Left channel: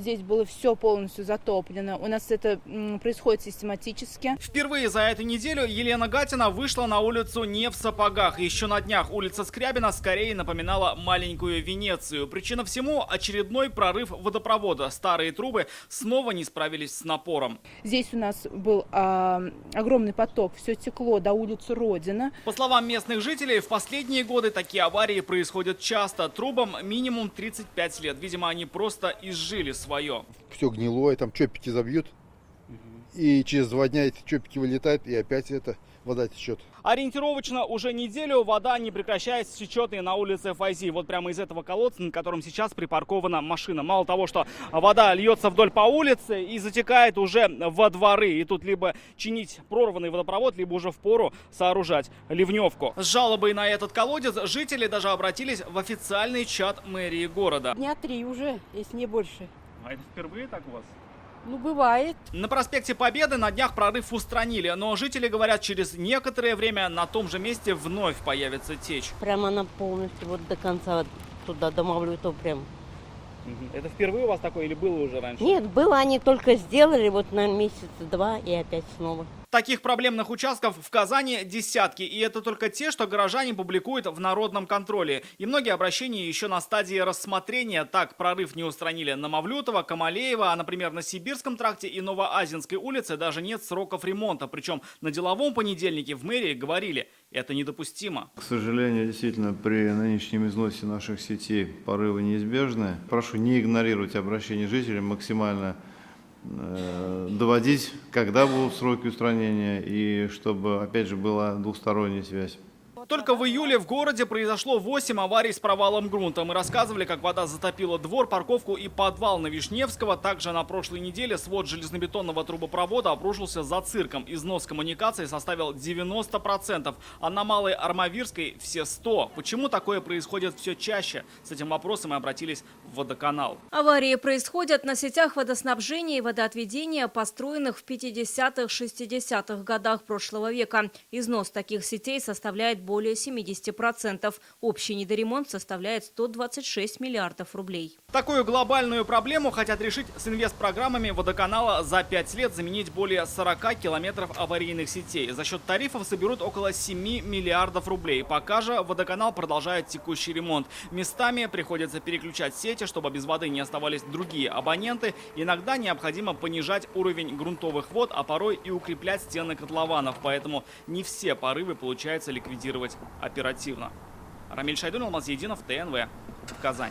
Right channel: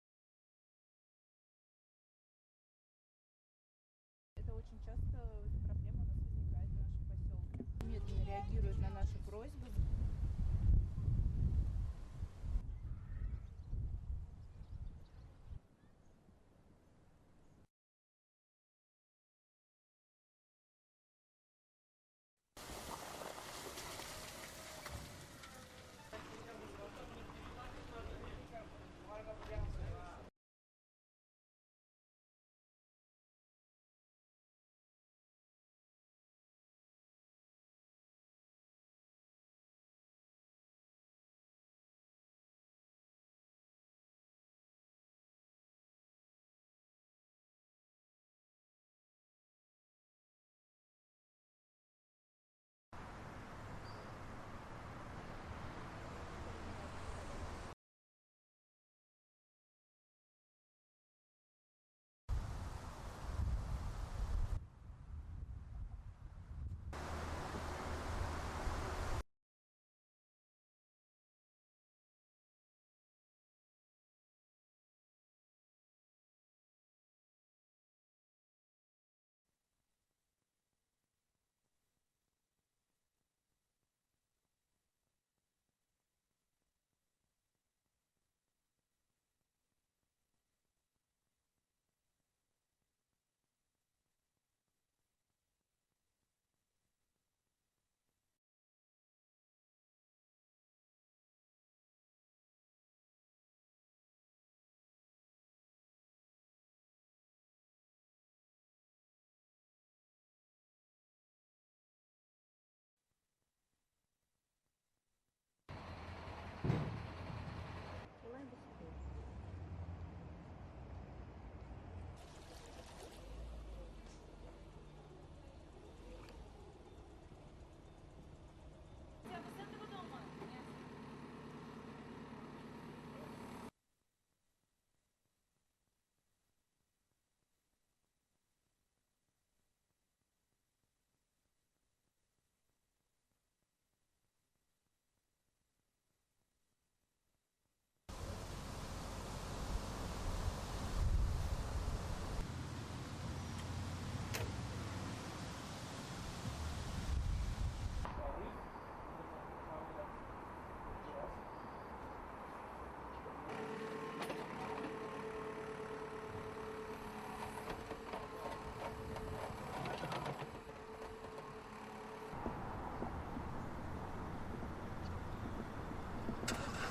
здесь было все полностью затоплено. У нас это происходит систематически. Впервые за эту неделю Елена Гатина вышла на улицу не в сапогах. Еще на днях улица Скрябина скорее напоминала маленькую Венецию. Причина всему – очередной прорыв водопровода. Старые трубы снова не справились с напором. Здесь у нас был огромный поток, все текло до улицы Родина. По словам местных жителей, в последние годы такие аварии происходят часто. Трубам минимум 35 лет. Видимо, они просто изжили свое. Все гнилое, там чопики забьют, и через 2 дня эти чопики вылетают, и опять вода течет. Ориентировочно уже неделю вода не прекращает течет и на улице Файзи. Вот прямо из этого колодца, на котором сейчас припаркована машина. Мало того, что вода льется вдоль по улице и затекает уже во дворы. И тут либо чинить прорванный водопровод, либо уже впору сооружать ливневку. С жалобой на этот колодец жители даже обратились в официальный чат мэрии города. Дня 3 уже, если не больше. А это впервые так у вас? Ну, бывает. На проспекте Победы на днях прорыв устранили, но жители говорят, через некоторое время на том же месте вновь появится течь. Прямо она полностью вот до конца туда, до Мавлютова прям. Это впервые у вас такое или было уже раньше? Нет, было, они только сделали вот на месяц-два и опять снова. Таких проблемных участков в Казани десятки. И это только те, что горожане публикуют в народном контроле. И многие обращения еще на стадии рассмотрения. Так, прорыв не устранили на Мавлютова, Камалеева, а, например, на Сибирском тракте и Новоазинской улице даже нет сроков ремонта. Причем на деловом понедельнике в мэрии говорили, это недопустимо. К сожалению, действительно, при нынешнем износе наших сетей порывы неизбежны. Прошу не игнорировать обращения жителей, максимально доводить, когда будут сроки устранения, и чтобы, опять же, была двусторонняя связь. Только в июле в городе произошло 8 аварий с провалом грунта. Мы рассказывали, как вода затопила двор, парковку и подвал на Вишневского. Также на прошлой неделе свод железнобетонного трубопровода обрушился за цирком. Износ коммуникации составил 90%, а на Малой Армавирской все 100%. Почему такое происходит все чаще? С этим вопросом мы обратились в водоканал. Аварии происходят на сетях водоснабжения и водоотведения, построенных в 50-60-х годах прошлого века. Износ таких сетей составляет более 70%. Общий недоремонт составляет 126 миллиардов рублей. Такую глобальную проблему хотят решить с инвестпрограммами водоканала за 5 лет заменить более 40 километров аварийных сетей. За счет тарифов соберут около 7 миллиардов рублей. Пока же водоканал продолжает текущий ремонт. Местами приходится переключать сети, чтобы без воды не оставались другие абоненты. Иногда необходимо понижать уровень грунтовых вод, а порой и укреплять стены котлованов. Поэтому не все порывы получается ликвидировать оперативно. Рамиль Шайдун, Алмаз Единов, ТНВ, Казань.